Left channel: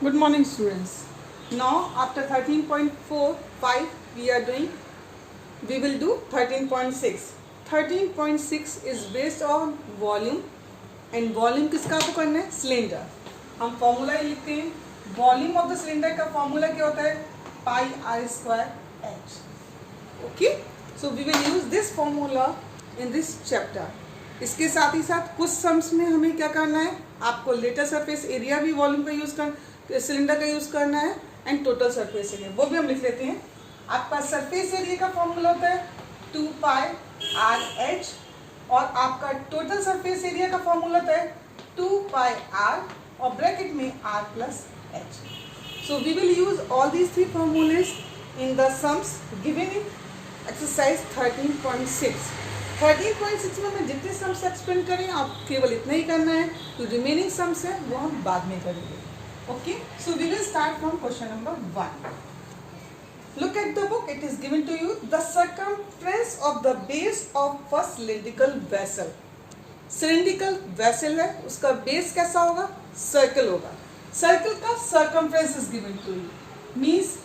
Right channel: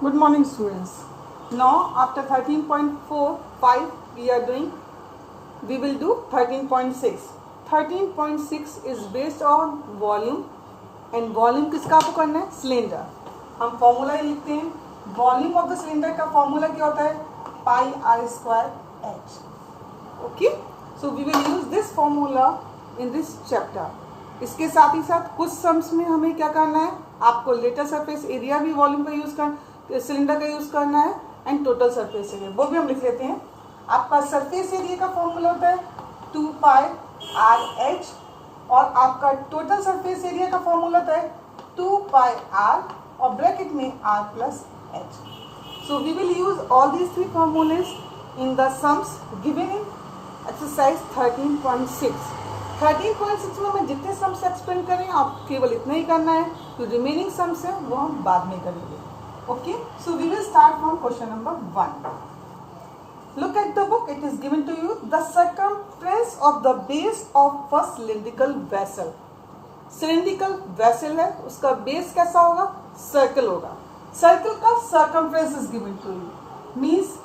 Good morning, students. Now, after 13.45, we will do 13.6. 13.6 is based on volume, and volume किसका आपको करना है? Cylinder. हम फॉर्मूला ही लिखते हैं. वॉल्यूम ऑफ द सिलेंडर का फॉर्मूला क्या होता है? Pi are square h. Okay, so we will use this formula in this chapter. इसके साथ ही साथ कुछ सम्स में हमें क्या करना है? आपको लेटर सरफेस एरिया भी वॉल्यूम का यूज कर सिलेंडर का यूज़ करना है, एंड टोटल सरफेस एरिया वो भी हम लिख लेते हैं. आपका सरफेस एरिया का फॉर्मूला होता है 2 पाई आर एच, और आपका टोटल सरफेस एरिया का फॉर्मूला होता है 2 पाई आर और ब्रैकेट में R plus H. So we will use all these three formulas in the sums given in exercise 13.6. 13.6 में मैं जितने सम्स एक्सप्लेन करें आप केवल इतना ही करना है. जो रिमेनिंग सम्स हैं वो हम बाद में करेंगे. Okay, so we will start from question number 1. Look at the book. It is given to you the circumference of the base of a cylindrical vessel. Cylindrical vessel है, उसका base कैसा होगा? Circle होगा. Circle का circumference is given to you. Means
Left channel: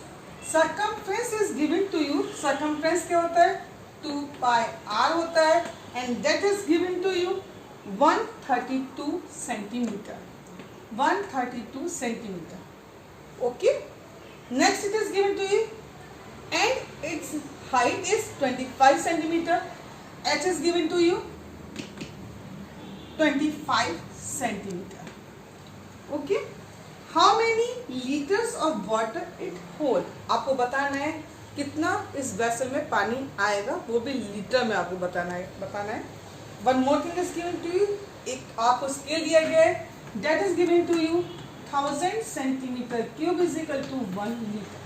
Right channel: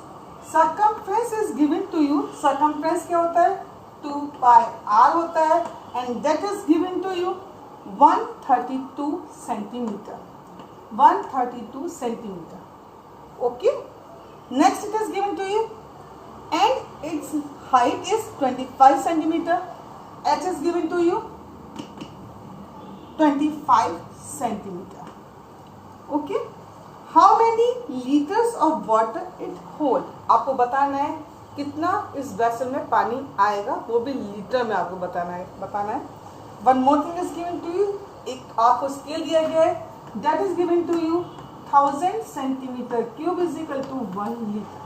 circumference is given to you. Circumference क्या होता है? 2 pi r होता है, and that is given to you 132 centimeter. 132 centimeter. Okay. Next it is given to you, and its height is 25 centimeter. H is given to you 25 centimeter. Okay. How many liters of water it hold? आपको बताना है कितना इस vessel में पानी आएगा, वो भी लीटर में आपको बताना है. One more thing is given to you. एक आपको स्केल दिया गया है. That is given to you 1000 centimeter cube is equal to 1 liter.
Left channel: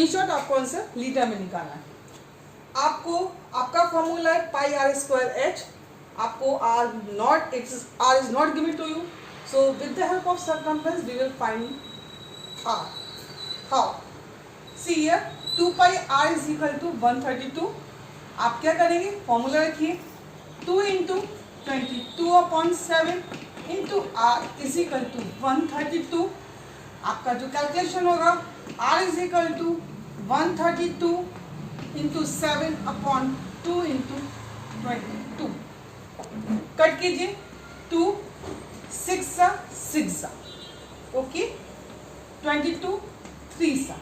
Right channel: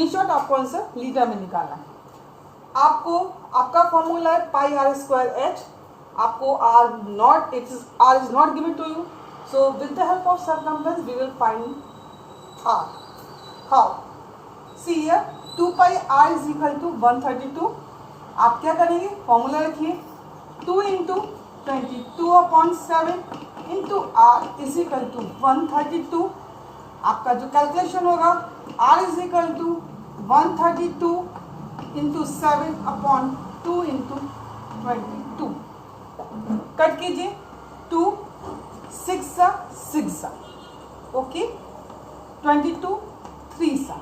In short आपको आंसर लीटर में निकालना है. आपको आपका फॉर्मूला है पाई आर स्क्वायर एच. आपको r is not given to you. So with the help of circumference we will find r. How? See here 2 pi r is equal to 132. आप क्या करेंगे? फॉर्मूला रखिए 2 into 22/7 into R is equal to 132. आपका जो calculation होगा R is equal to 132 into 7/2 into 22. Cut कीजिए 2 6 okay 22 3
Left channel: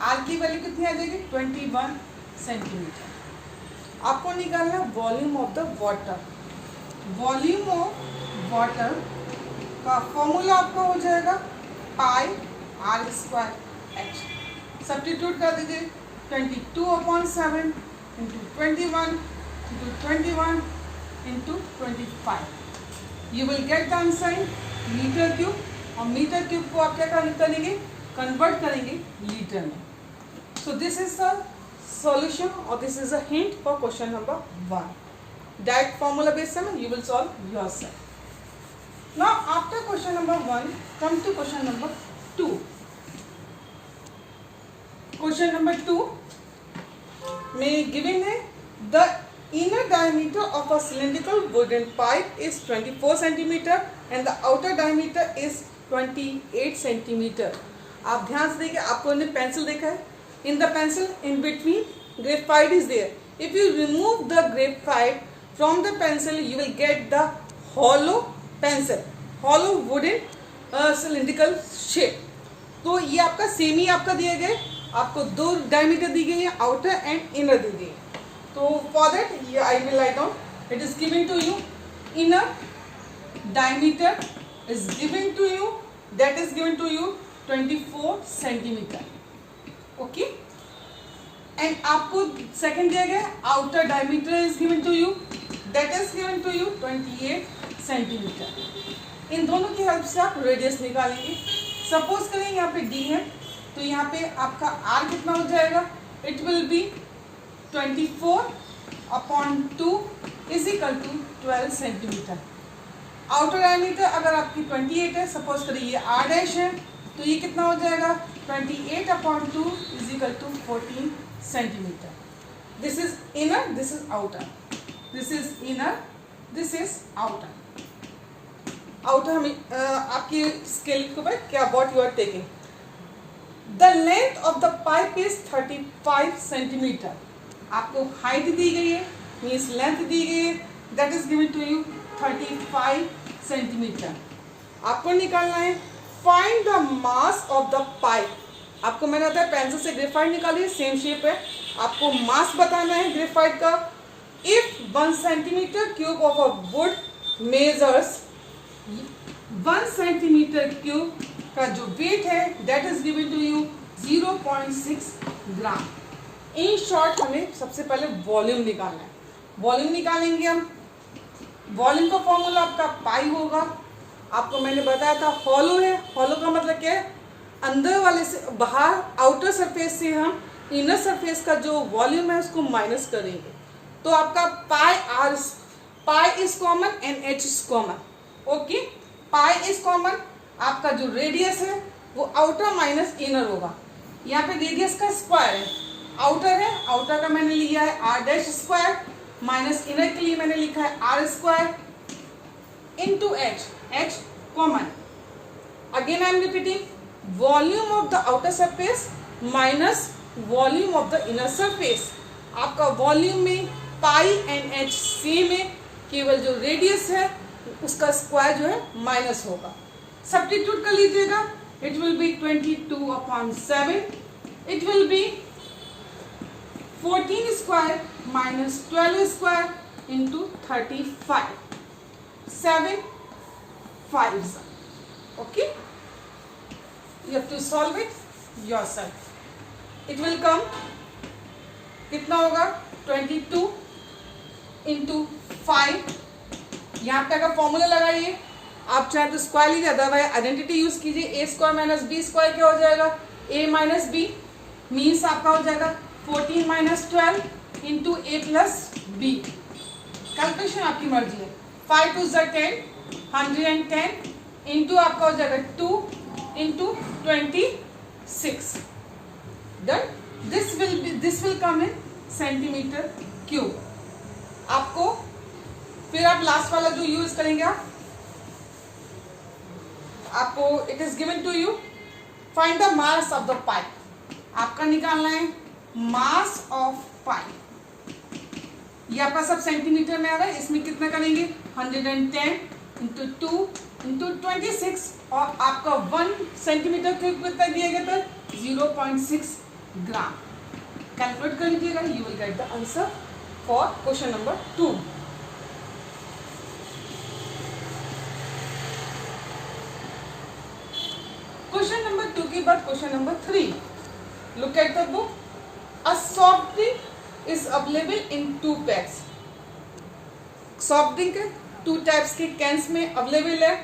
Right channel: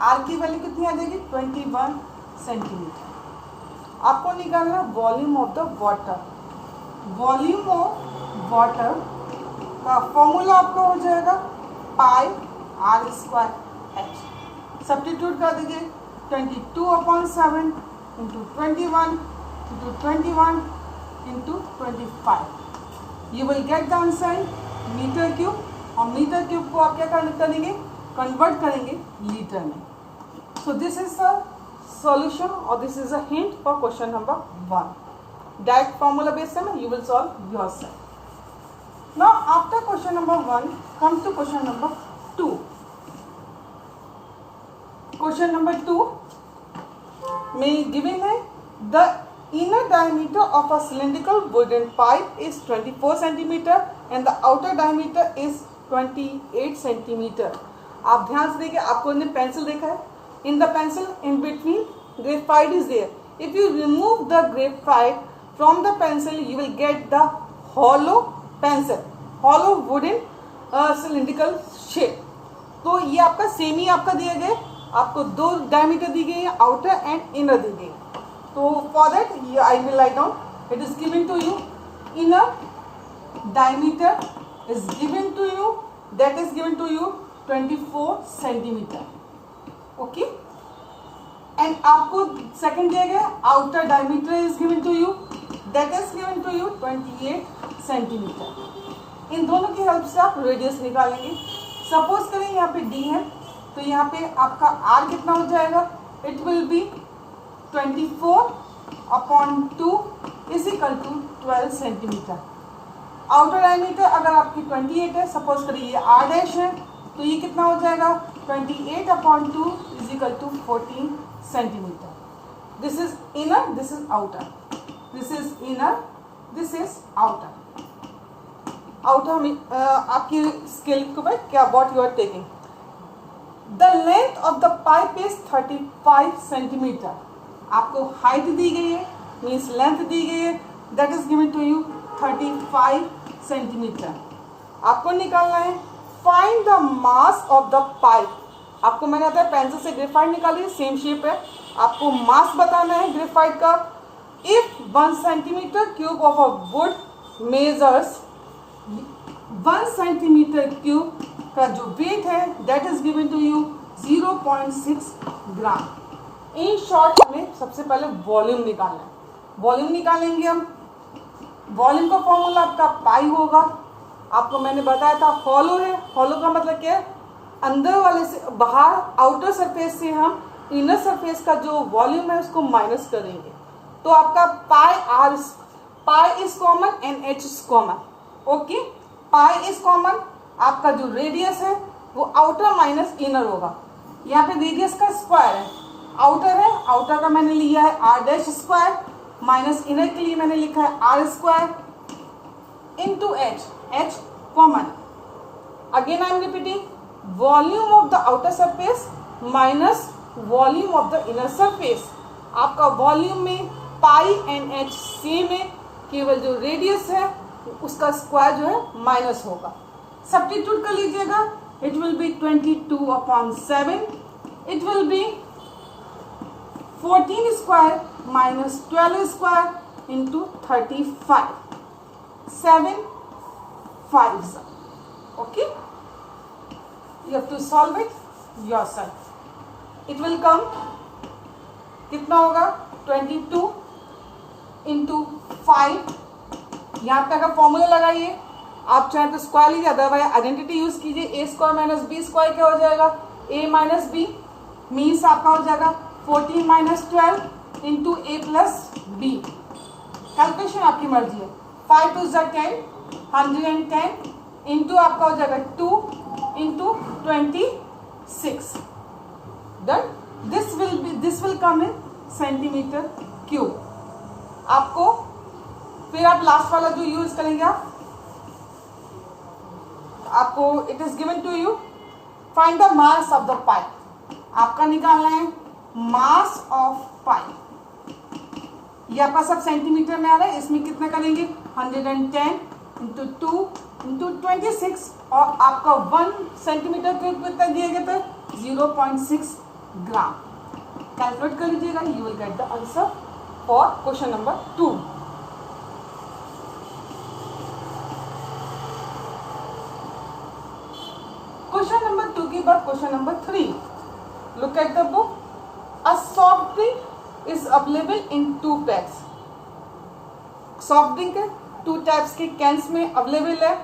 are की value कितनी आ जाएगी? 21 सेंटीमीटर. आपको निकालना है volume of the water. Volume of water का फॉर्मूला आपको हो जाएगा pi are square h. Substitute कर दीजिए 22/7 into 21 into 21 into 25. You will get the answer metre cube, और मीटर क्यूब को आप क्या करेंगे? कन्वर्ट करेंगे लीटर में. So this is the solution, और this is a hint for question number 1. Direct formula base में you will solve yourself. Now after question number 1, come to question number 2. Question number 2 में given है the inner diameter of a cylindrical wooden pipe is 24 centimeter and the outer diameter is 28 centimeter. आप ध्यान से देखिए, आपको ने pencil देखा है. In the pencil in between graphite is there. If you remove the graphite from the pencil you will get the hollow pencil, hollow wooden cylindrical shape. तो ये आपका सेम ही आपका दिया गया. आपको 2 डायमीटर दी गई है, आउटर एंड इनर दी गई. तो फॉर दैट ये I will write down. It is given to you inner diameter is given to you, that is given to you 24 centimetre. Okay. And आपको सेकेंड दिया गया outer diameter is given to you, that is given to you 28 centimetre. इन दोनों की help से आप radius निकालेंगे. Suppose करें यहाँ पे डी है, तो यहाँ पे आपका आर कितना हो जाएगा? It will be 24/2 is equal to 12 centimetre. Outer diameter अगर आपकी 28 है, सपोज करिए ये आर डैश है, तो ये कितना हो जाएगा? 28/2 is equal to 14 centimeter. This is inner, this is outer. This is inner, this is outer. Outer आपकी स्केल के ऊपर क्या what you are taking. The length of the pipe is 35 centimetre. आपको हाइट दी गई है, मीन्स लेंथ दी गई है, that is given to you 35 centimetre. आपको निकालना है find the mass of the pipe. आपको मैंने बताया पेंसिल से ग्रेफाइट निकालिए, सेम शेप है, आपको मास बताना है ग्रेफाइट का। If 1 centimetre cube of a wood measures 1 centimetre cube का जो वेट है that is given to you 0.6 gram. In short हमें सबसे पहले वॉल्यूम निकालना है। वॉल्यूम निकालेंगे हम, वॉल्यूम का फॉर्मूला आपका पाई होगा। आपको मैंने बताया था हॉलो है, हॉलो का मतलब क्या है, अंदर वाले से बाहर आउटर सरफेस से हम इनर सरफेस का जो वॉल्यूम है उसको माइनस करेंगे। तो आपका pi is common and H is common. Okay, pi is common, आपका जो रेडियस है वो आउटर माइनस इनर होगा। यहाँ पे रेडियस का स्क्वायर है, आउटर है, आउटर का मैंने लिया है R dash square, minus inner के लिए मैंने लिखा है R square into H, H common. Again I am repeating, volume of the outer surface minus volume of the inner surface. आपका वॉल्यूम में पाई एंड एच सेम है, केवल जो रेडियस है उसका स्क्वायर जो है माइनस होगा। सब्स्टिट्यूट कर लीजिएगा, it will B 22/7, it will B 14 square minus 12 square into 35, 7 5s। Okay, you have to solve it yourself. It will come, कितना होगा 22 इंटू 5। यहाँ पे अगर फॉर्मूला लगाइए, आप चाहे तो स्क्वायर लीजिए, अदरवाइज आइडेंटिटी यूज कीजिए। ए स्क्वायर माइनस बी स्क्वायर क्या हो जाएगा, ए माइनस बी, मीन्स आपका हो जाएगा 14 माइनस 12 इंटू ए प्लस बी। कैलकुलेशन आपकी मर्जी है। 5 2 10, 110 इंटू आपका हो जाएगा 2 into 26। Done, this will come in centimetre cube. आपको फिर आप लास्ट वाला जो यूज करेंगे आपको it is given to you find the mass of the pipe. आपका निकालना है मास ऑफ पाइप। ये आपका सब सेंटीमीटर में आ रहा है, इसमें कितना करेंगे 110 इंटू 2 इंटू 26 और आपका 1 सेंटीमीटर क्यूब कितना दिए गए थे 0.6 ग्राम। कैलकुलेट कर लीजिएगा, you will get the answer for question number 2। Question number 2 के बाद question number 3। Look at the book. A soft drink is available in 2 packs. Soft drink 2 types के कैंस में अवेलेबल है।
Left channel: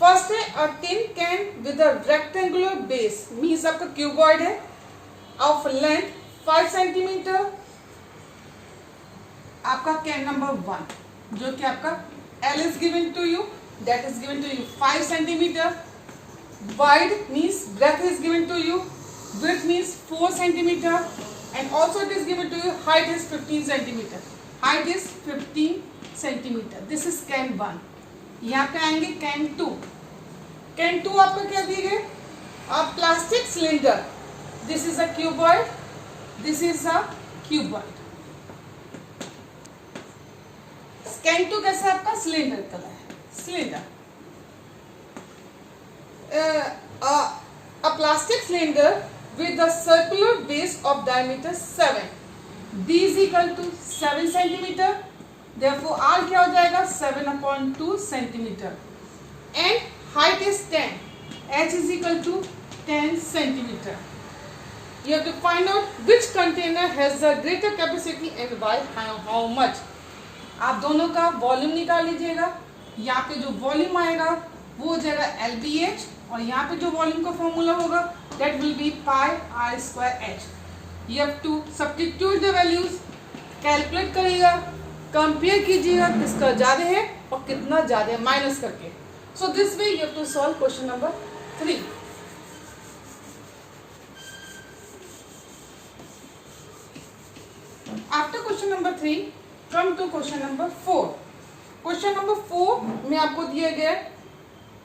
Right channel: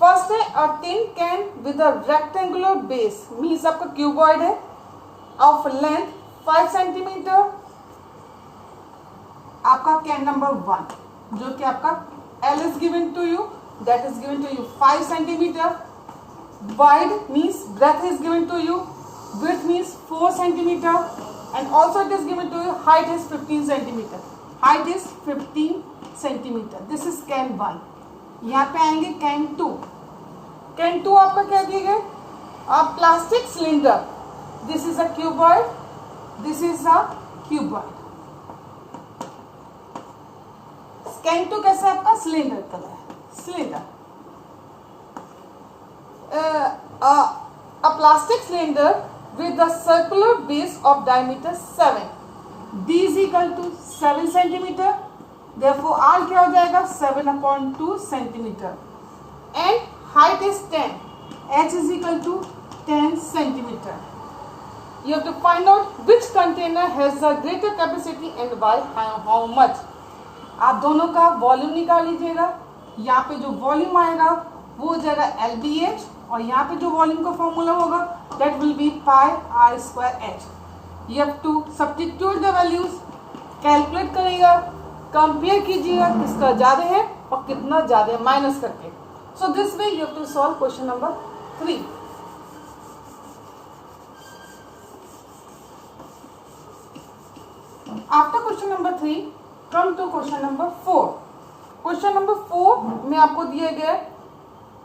फर्स्ट है a tin can with a rectangular base, means आपका cuboid है, of length 5 centimetre. आपका can number 1 जो कि आपका L is given to you, that is given to you 5 centimetre. Wide means breadth is given to you, width means 4 centimeter, and also it is given to you height is 15 centimeter. Height is 15 centimeter. This is can 1. यहाँ पे आएंगे can 2. can 2 आपका क्या दिए गए, plastic cylinder. This is a cuboid, this is a cuboid. can 2 कैसे आपका cylinder colour है, cylinder. A plastic cylinder with a circular base of diameter 7, D is equal to 7 centimeter, therefore R क्या हो जाएगा 7/2 centimeter, and height is 10, H is equal to 10 centimeter. You have to find out which container has the greater capacity and why and how much. आप दोनों का volume निकाल लीजिएगा। यहाँ पे जो वॉल्यूम आएगा वो हो जाएगा LBH, और यहाँ पे जो वॉल्यूम का फॉर्मूला होगा that will be pi are square H. You have to substitute the values, calculate करिएगा, कंपेयर कीजिएगा किसका ज़्यादा है और कितना ज़्यादा है माइनस करके। So this way you have to solve question number 3। After question number 3 come to question number 4। Question number 4 में आपको दिए गए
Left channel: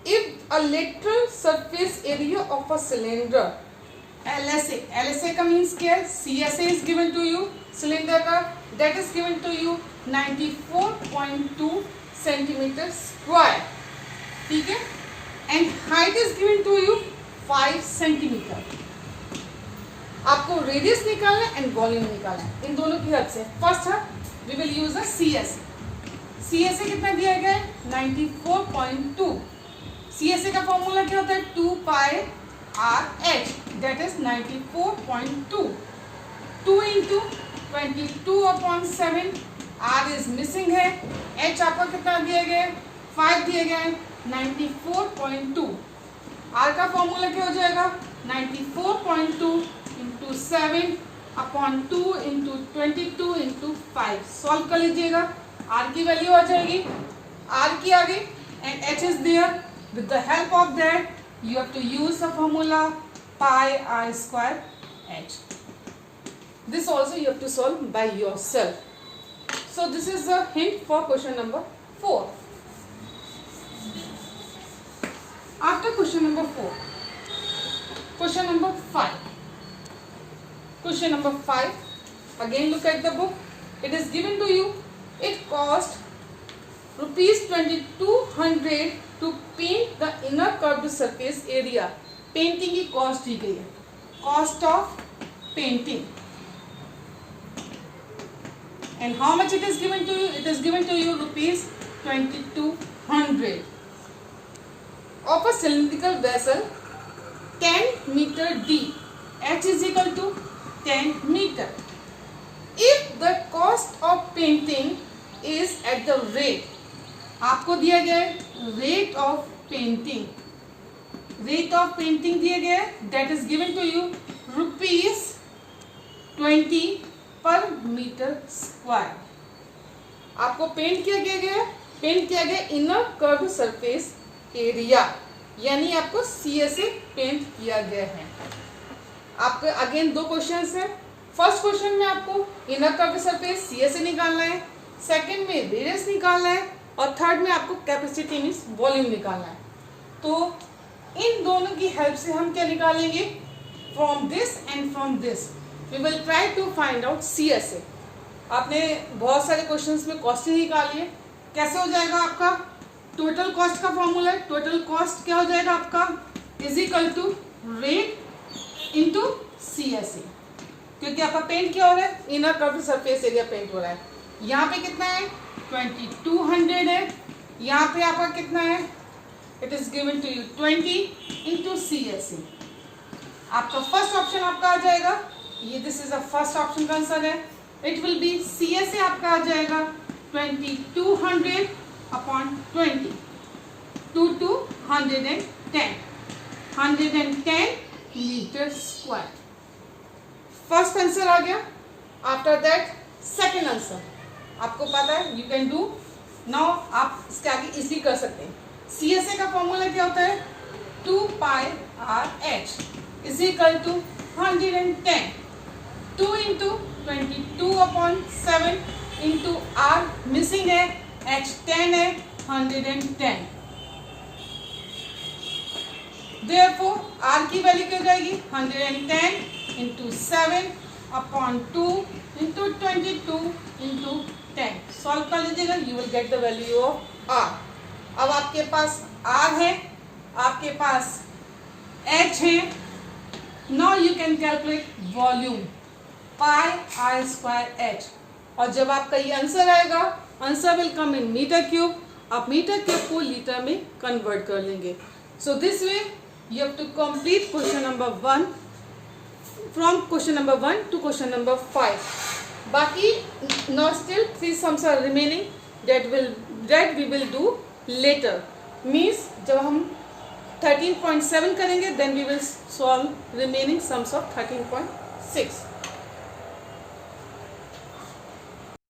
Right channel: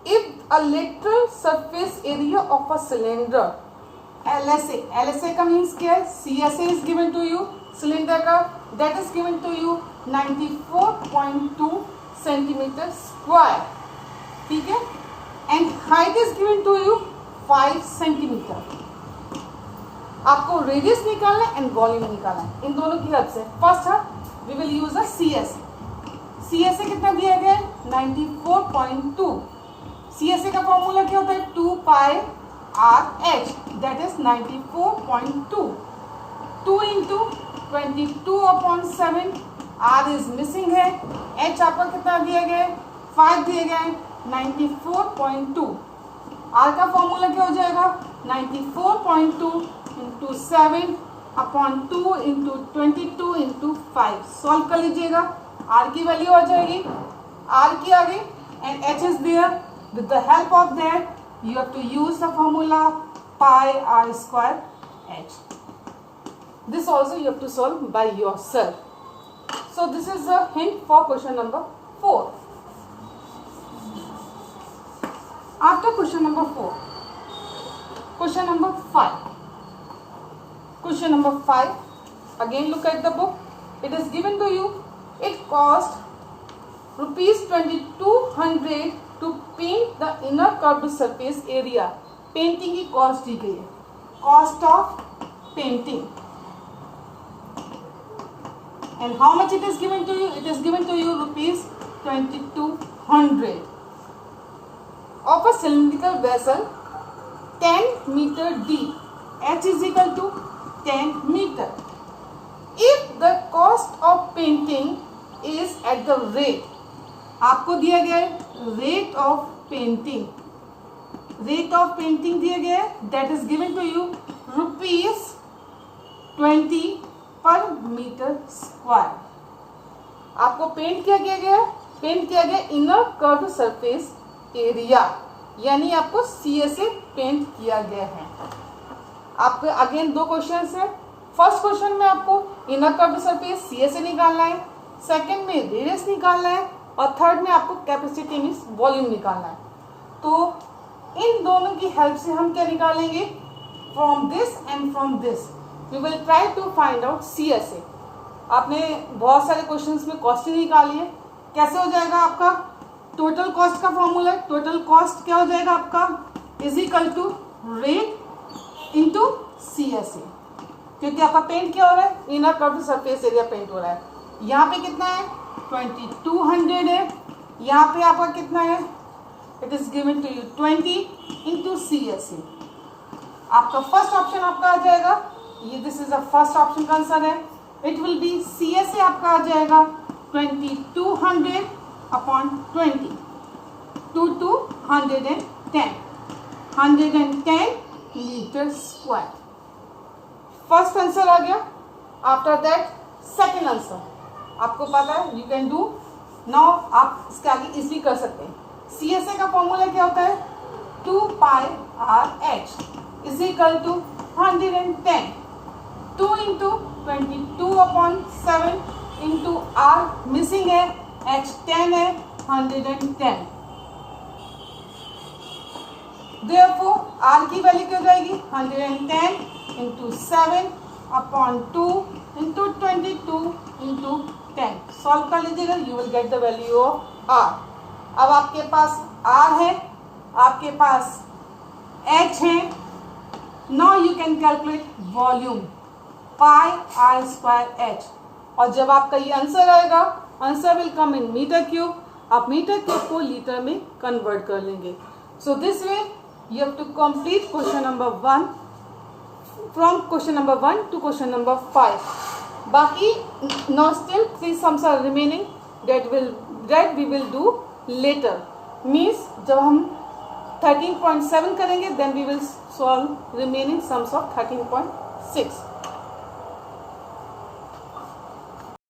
if a lateral surface area of a cylinder LSA का means क्या है, CSA is given to you, cylinder का that is given to you 94.2 centimeter square, ठीक है, and height is given to you 5 centimeter. आपको रेडियस निकालना है and volume निकालना है, इन दोनों की हेल्प से. फर्स्ट है we will use a CSA कितना दिया गया है 94.2. CSA का फॉर्मूला क्या होता है 2 pi RH, that is 94.2. 2 into 22/7, R is missing है, H आपका कितना दिया गया है 5 दिया गया है 94.2. R का फॉर्मूला क्या हो जाएगा 94.2 इंटू 7/2 इंटू 22 इंटू 5. सॉल्व कर लीजिएगा, R की वैल्यू आ जाएगी, R की आगे and H is there. With the help of that you have to use the formula pi R square H. This also you have to solve by yourself. So this is the hint for question number 4. After question number 4, question number 5. Question number 5. Again look at the book. It is given to you. It cost ₹2200 to paint the inner curved surface area. Painting की cost दी गई है. Cost of painting. And how much it is given to you? It is given to you ₹2200 of a cylindrical vessel 10 meter deep. H is equal to 10 meter. If the cost of painting is at the rate, आपको दिया गया है rate of painting. Rate of painting दिया गया है, that is given to you ₹20 पर metre square. आपको paint किया गया है, पेंट किया गया इनर कर्व सरफेस एरिया, यानी आपको CSA पेंट किया गया है. आपके अगेन दो क्वेश्चंस है. फर्स्ट क्वेश्चन में आपको इनर कर्व सरफेस CSA निकालना है, सेकंड में रेडियस निकालना है, और थर्ड में आपको कैपेसिटी मींस वॉल्यूम निकालना है. तो इन दोनों की हेल्प से हम क्या निकालेंगे, from this and from this we will try to find out CSA. आपने बहुत सारे क्वेश्चंस में कॉस्ट निकाली है. कैसे हो जाएगा आपका टोटल कॉस्ट का फॉर्मूला है. टोटल कॉस्ट क्या हो जाएगा आपका is equal to rate into CSA, क्योंकि आपका पेंट क्या हो रहा है inner curve surface area paint हो रहा है. यहाँ पे कितना है 2200 है, यहाँ पे आपका कितना है it is given to you 20 into CSA. आपका फर्स्ट ऑप्शन आपका आ जाएगा, ये this is the first option का आंसर है. इट विल बी CSA आपका आ जाएगा 2200 upon 20 to 110 metre square. First answer आ गया. आफ्टर दैट सेकेंड आंसर आपको पता है, यू कैन डू नाउ. आप इसके आगे इजीली कर सकते हैं. CSA का फॉर्मूला क्या होता है 2 pi RH is equal to 110. 2 into 22/7 into R missing है, H 10 है, 110. Therefore R की वैल्यू क्या हो जाएगी 110 इंटू 7/2 इंटू 22 इंटू 10. सॉल्व कर लीजिएगा, you will get the value of R. अब आपके पास R है, आपके पास H है. Now you can calculate volume pi R square H. और जब आपका ये आंसर आएगा, answer will come in metre cube. आप मीटर क्यूब को लीटर में कन्वर्ट कर लेंगे. So this way you have to complete question number 1 from question number 1 to question number 5. बाकी now still 3 sums are remaining that we will do later. Means जब हम 13.7 करेंगे then we will solve remaining sums of 13.6.